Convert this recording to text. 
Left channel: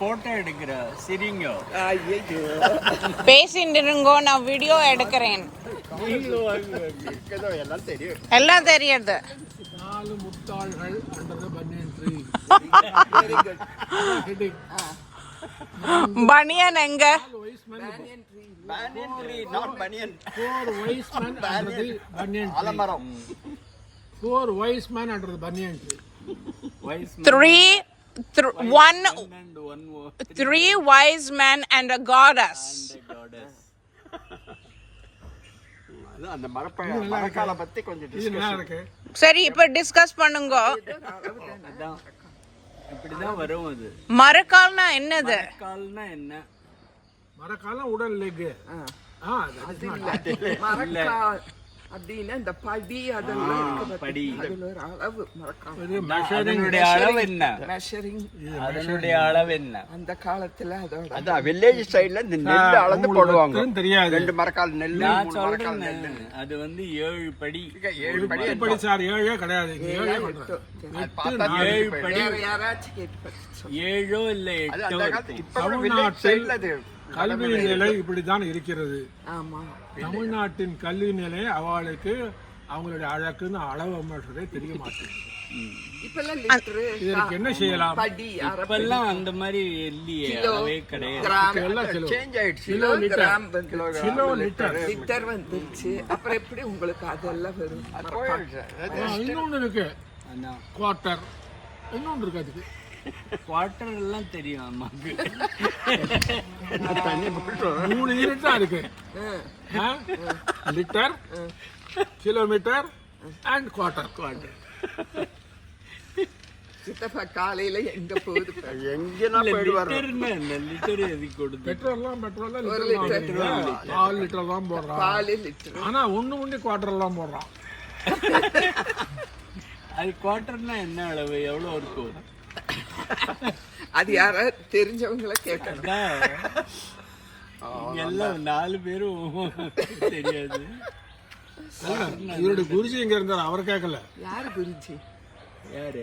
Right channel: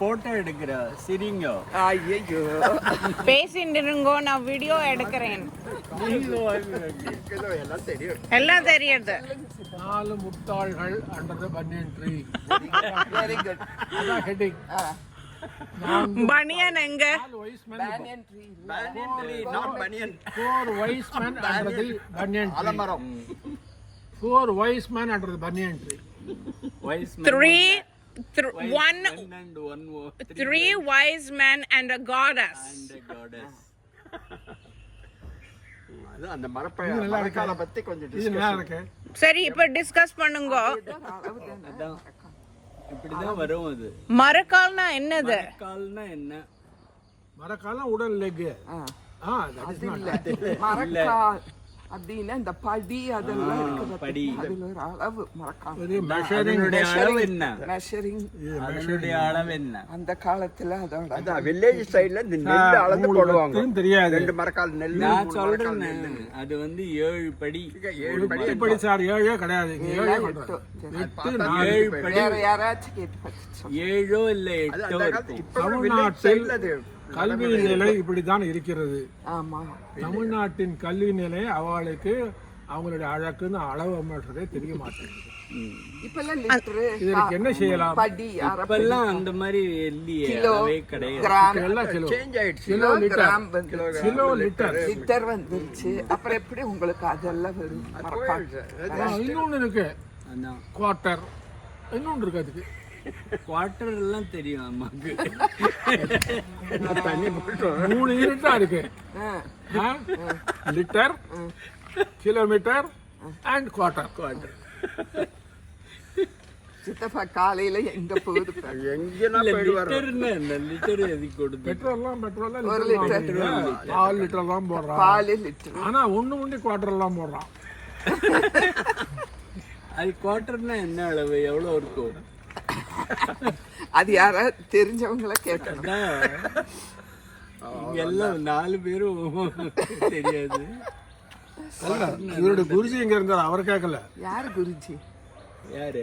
Photo எடுக்கிற சிரிங்க. ஐயோ பேசிட்டு இருங்கோ, நான் வீடியோ எடுக்கிறேன். எல்லாம் தெரியுது. 4 முட்டாள்கள் அண்டர் தி பனியன் ட்ரீ. Very good. ஹெட்டிங். பனியன் எங்க? Banyan tree. Not banyan. 4 wise men under the banyan tree. அலமரம். 4 wise men under the banyan tree. Wise man. 3 wise men and a goddess. And a goddess. அந்த மரக்கால பத்தி கொஞ்சம் இது நல்லா இருக்கு. சரி, இப்ப டிஸ்கஸ் பண்ணுங்க. அதான் இப்படிதான் வரும் அது. மரக்கால்னா என்னது? கால்னா என்ன? மரக்காலம் உடல் லெக். மரக்கால் அப்படின்னா இந்த படி அதெல்லாம் இருக்குது. படி. அதுல ஒரு அளவு மரக்கால். அதனுடைய அளவு என்ன? மெஷரிங். அதனுடைய அளவு என்ன? அந்த காலத்துல அதோட அதான் வில்லேஜ் ஸ்டைல்ல இந்த நெல் அளந்து போடுவாங்க. தெரியாது. 2 மரக்கால் நெல். நான் சொல்றேன், அது வந்து 7 படி. 8 படி சார், 7 கிடையாது. 7 படி. யாராச்சும் கேட்டு 7 இல்ல 8 இருக்கும். தமிழ்நாட்டில் கல்வி நிலை இப்படித்தான் இருக்கிறது. ஆமா, தமிழ்நாட்டின் கல்வி நிலை அவளுக்கு அவங்களுடைய அழகுன்னு அளவு அமைச்சதே தெரிய மாட்டேங்குது. இப்பெல்லாம் லிட்டரு இதற்கு என்ன செய்யலாம்? படி இப்பெல்லாம் அந்த மாதிரி இல்லையே, அவே கிடையாது. கிராம் எல்லாம் கிலோ. சேஞ்ச் ஆயிடுச்சு. Kilo litre. கிராம் வந்துருச்சு. Kilo litre. லிட்டர் வந்துருச்சு. அப்புறம் எப்படி உங்களுக்கு அதெல்லாம் வரும்? மரக்கால் இன்னொன்னு இருக்கு, அதான் குவார்ட்டர். இன்னொன்னு இருக்கு, அதுக்கு குவார்டர் எல்லாம் தெரியும் அம்மாக்கு. 3 யூனிட் இருக்கு. Litre, kilometre and quarter. சித்தப்பா காலையில எங்க போகுது? லிட்டர் எதுக்கு கொடுத்து? பெட்ரோல்லாம் ஒரு லிட்டர். 4 லிட்டர் தான் போடுறான். 4 லிட்டர். ஆனா ஒண்ணு குவார்ட்டர் எல்லாம் போடுறான். அது குவார்டர்னா என்ன அளவு, எவ்வளவு இருக்கும்? அது யாராவது தெரிஞ்சவங்கள கேட்கணும். இங்க எல்லாம் 4 பேரும் தெரியாது. இவருடைய குருஜி எங்க இருந்தார், அவர் கேட்கல. யாரு குருஜி? யாரு?